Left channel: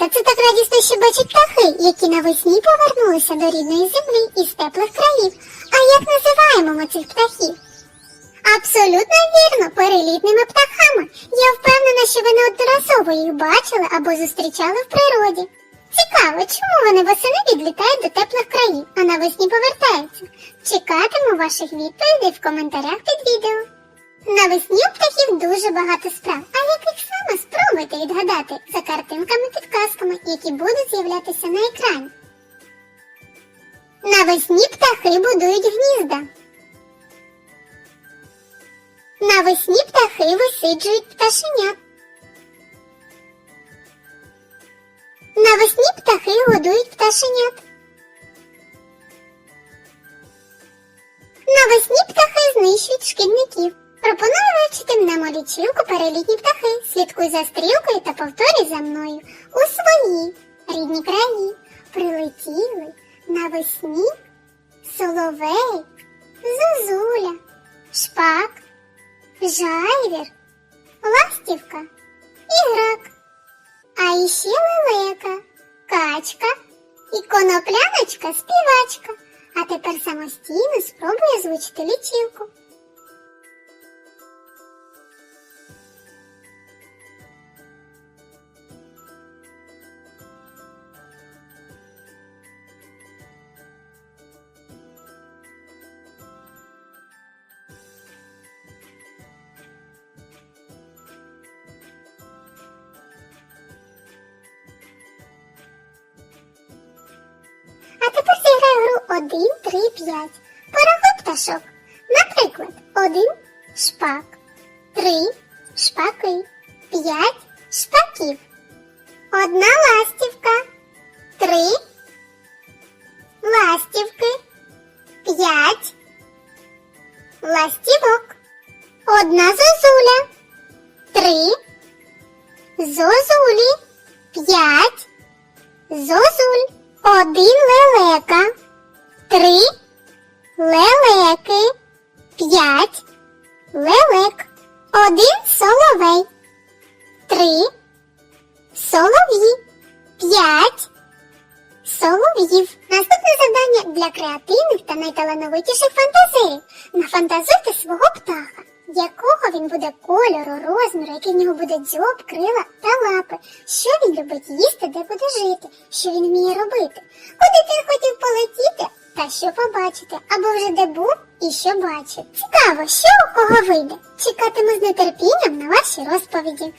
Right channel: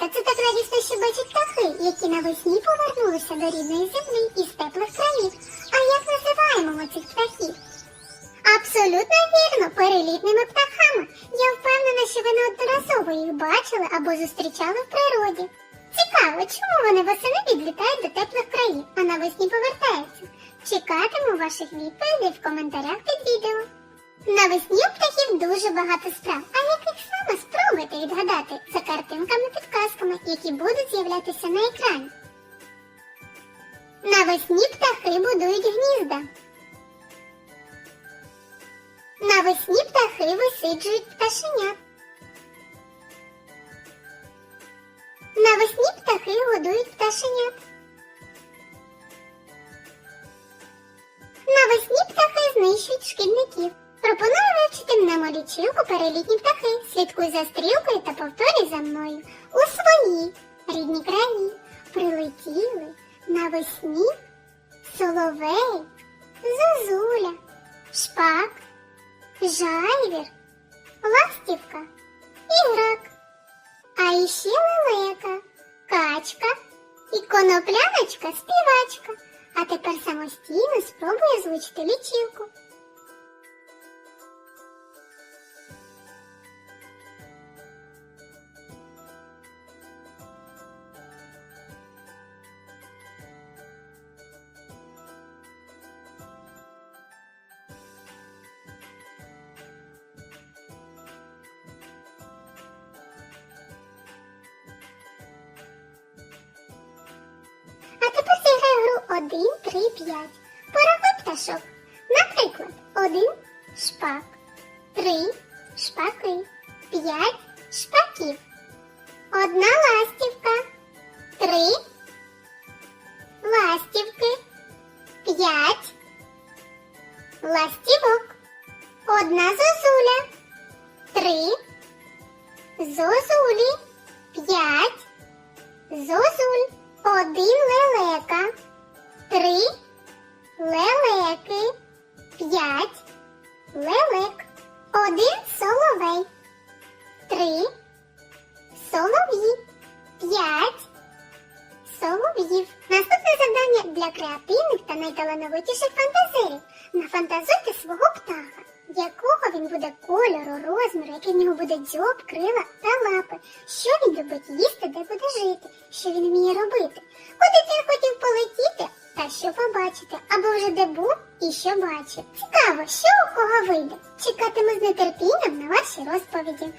Малята, це так радісно, бачать птахи, які навесні повернулися до рідної землі із теплих країв. А як називаємо ми цих птахів? Абсолютно вірно, перелітними птахами. Я впевнена, що ви неодноразово їх бачили або зустрічали в природі. Цікаво, чому вони восени відлітають до теплих країв, а навесні повертаються? Чекатиму ваших відповідей в коментарях під відео. Навесні у птахів дуже багато справ, а яких саме спробуйте відгадати за картинками-підказками, які будуть з'являтися на екрані. Навесні птахи будують гнізда. Навесні птахи висиджують пташенят. Навесні птахи годують пташенят. Навесні птахи знищують шкідників. Вивчити мнемолічилку перелітні птахи. Слідкуй за стрілкою та повторюй за мною. У свої рідні краї прилетіли навесні соловей, зозуля, шпак, жайвір, ластівка і грак. А іще лелека, качка і конопляночка співачка. А тепер самостійно спробуй озвучити лічилку. А тепер зіграю гру 1, 3, 5. Порахуй пташок. Наприклад, 1 шпак, 3 шпаки, 5 шпаків, одна ластівка, 3 ластівки, 5 ластівок, одна зозуля, 3 зозулі, 5 зозуль. Один один соловей, три солов'ї, п'ять солов'їв. Наступне завдання для креативних та найталановитіших фантазерів. Нафантазуйте свого птаха. Якого він буде кольору, розміру, який в нього буде дзьоб, крила та лапи, що він любить їсти, де буде жити, що він вміє робити, куди він хотів полетіти та що побачите, або вже де був і що бачив. Цікаво, що у кого вийде. Чекатиму з нетерпінням на ваші розповіді.